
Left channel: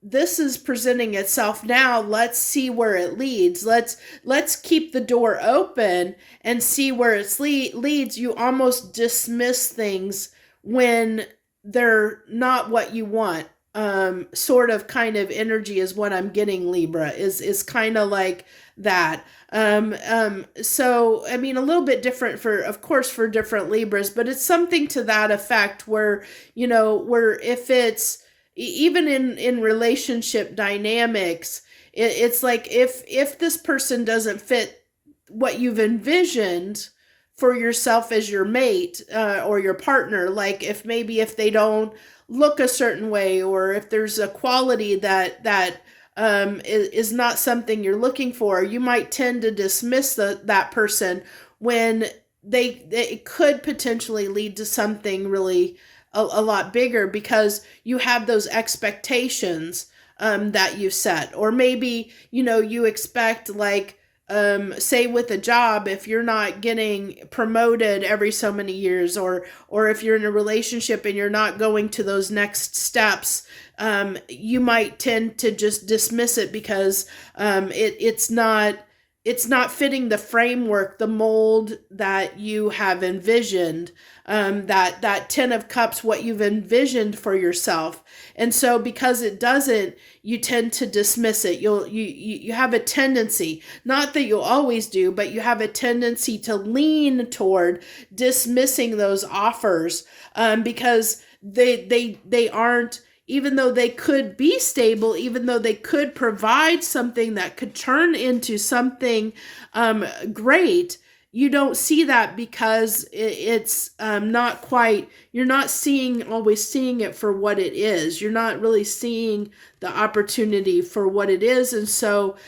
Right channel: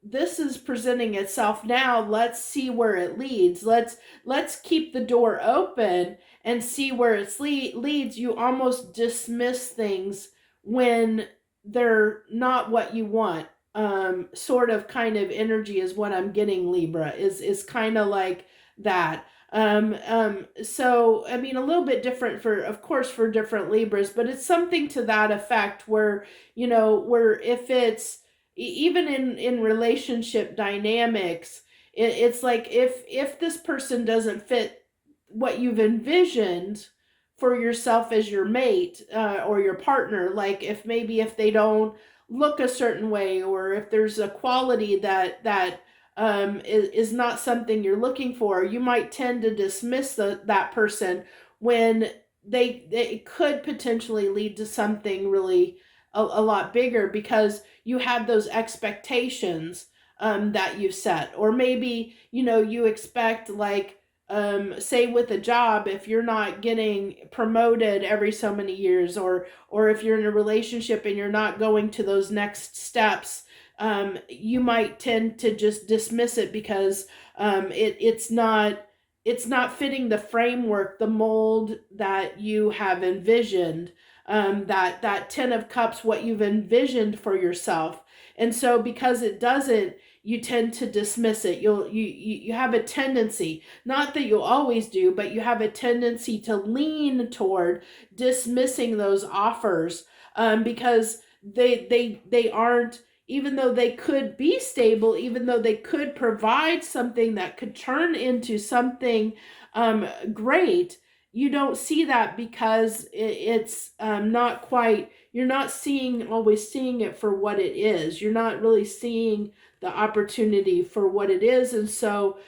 this is presenting itself now. Let's see where it leads. Let's keep the door open and see where it leads. You almost dismiss things when they're not what you want. Sort of kind of energy is what I'm getting, Libra, is kind of like that. So I mean, a little bit different of course, for different Libras, but it's something to that effect where, where if it's even in relationship dynamics, it's like if this person doesn't fit what you've envisioned for yourself as your mate, or your partner, like if they don't look a certain way, or if there's a quality that is not something you're looking for, you might tend to dismiss that person when they could potentially lead to something really a lot bigger, because you have those expectations that you set. Or maybe you expect, like, say with a job, if you're not getting promoted every so many years, or if you're in a relationship and you're not going to those next steps, you might tend to just dismiss it because it's not fitting the framework, the mold that you have envisioned, that 10 of Cups, what you've envisioned for yourself. And so because it doesn't, you tend to dismiss it. You have a tendency, not that you'll always do, but you have a tendency to lean toward dismissing those offers, because they aren't, even though they could be stable, even though they could provide something that could turn into something great. You don't see that because it's not quite, you're not always seeing it for what it is. You're not really seeing the opportunity for what it is. And so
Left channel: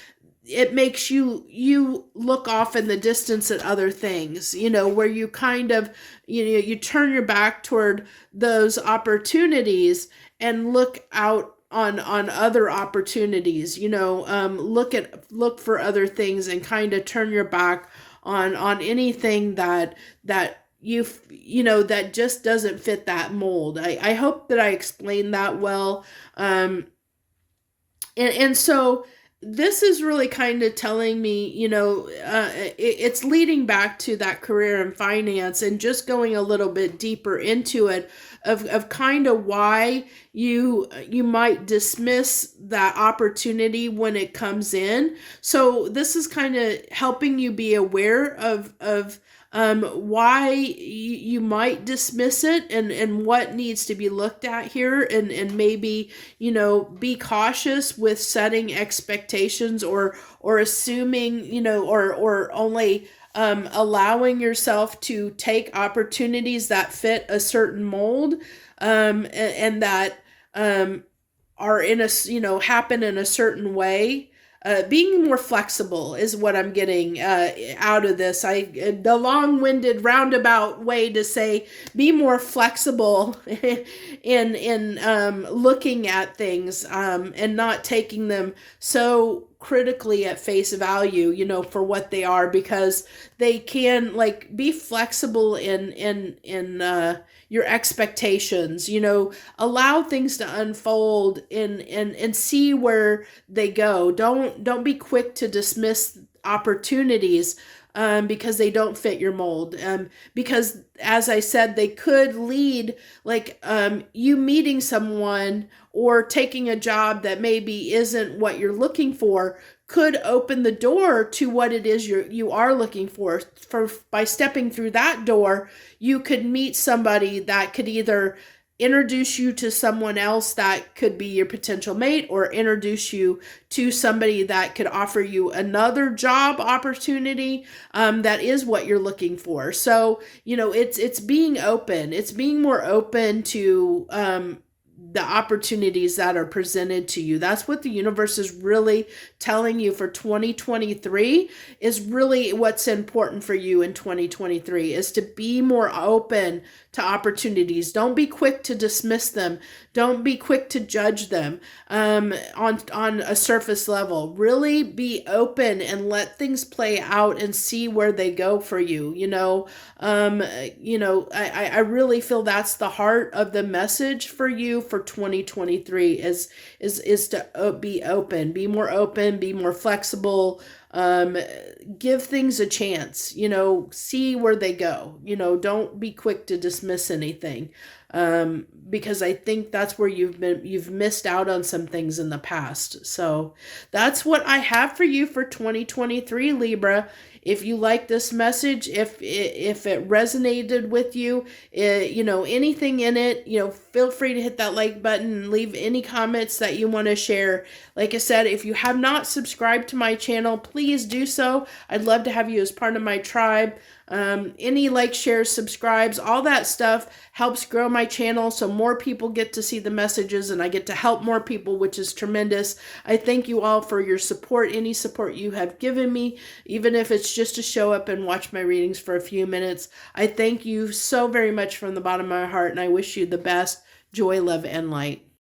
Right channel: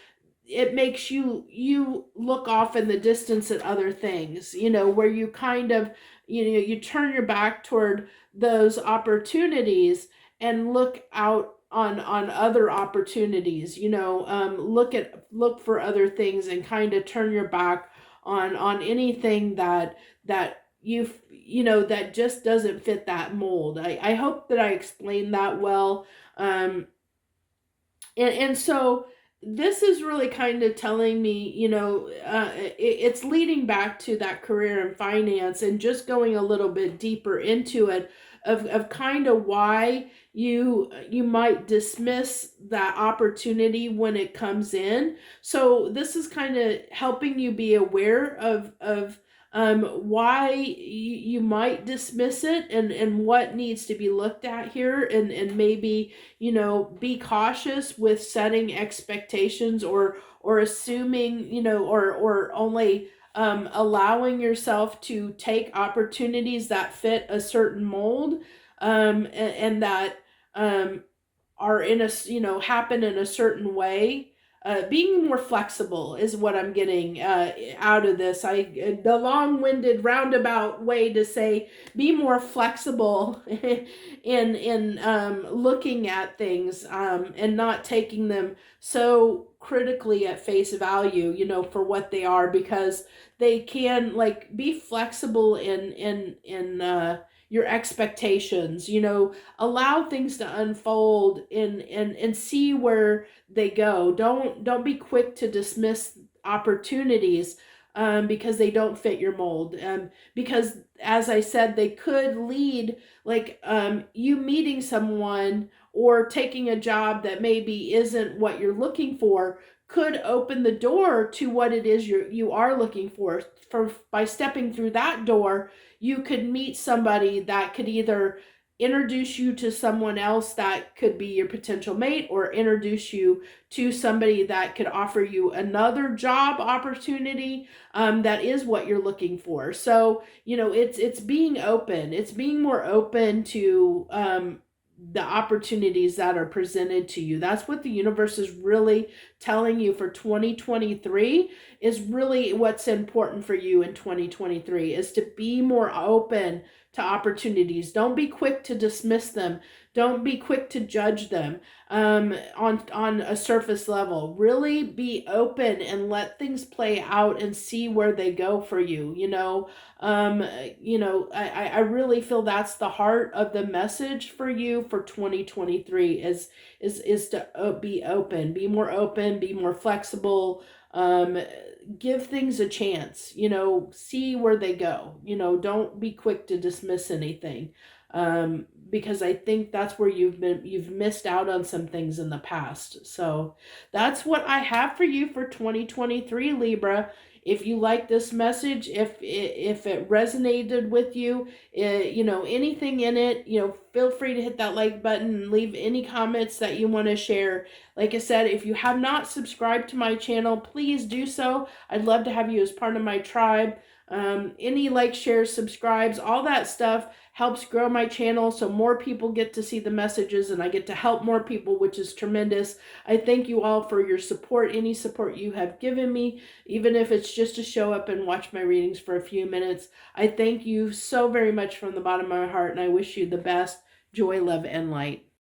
it makes you look off in the distance at other things, where you kind of, you turn your back toward those opportunities and look out on other opportunities, look for other things, and kind of turn your back on anything that that just doesn't fit that mold. I hope that I explained that well. And so this is really kind of telling me, it's leading back to that career and finance, and just going a little bit deeper into it, of kind of why you might dismiss that opportunity when it comes in. So this is kind of helping you be aware of why you might dismiss it, and what needs to be looked at here, and maybe, be cautious with setting expectations, or assuming, or only allowing yourself to take opportunities that fit a certain mold, and that are in a, happen in a certain way. Being more flexible is what I'm getting out of this. The long-winded roundabout way to say, be more flexible in looking at things, and not taking them so critically at face value, for what they are, because they can, like, be flexible in your expectations, allow things to unfold and see where they go. Don't be quick to dismiss opportunities because they don't fit your mold. Because, as I said, they could lead, like, you meeting someone or taking a job that maybe isn't what you're looking for, could open the door to what it is you are looking for. By stepping through that door, you could meet somebody that could either introduce you to someone else that could be your potential mate, or introduce you to somebody that could offer you another job opportunity that is what you're looking for. So, it's being open. It's being more open to the opportunities that are presented to you. That's what the universe is really telling you for 2023, is really what's important for you in 2023, is to be more open to opportunities. Don't be quick to dismiss them. Don't be quick to judge them on a surface level. Really be open and let things play out and see where they go for you. I really feel that's the heart of the message for you for 2023 is to be open, be more open, be more flexible, give things a chance, see where they go, don't be quick to dismiss anything. Because I think that's where you've missed out on some things in the past. So that's what I have for you for 2023, Libra. If you like this message, if it resonated with you, anything in it, feel free to hit that like button and leave any comments that you want to share. Like I said, if you have not subscribed to my channel, please do so. I'd love to have you as part of my tribe. Any like, shares, subscribes, all that stuff helps grow my channel so more people get to see the messages and I get to help more people, which is tremendous. I thank you all for your support, any support you have given me, even if it's just to show up and watch my readings for a few minutes. I thank you so very much from the bottom of my heart, and I wish you the best joy, love, and light.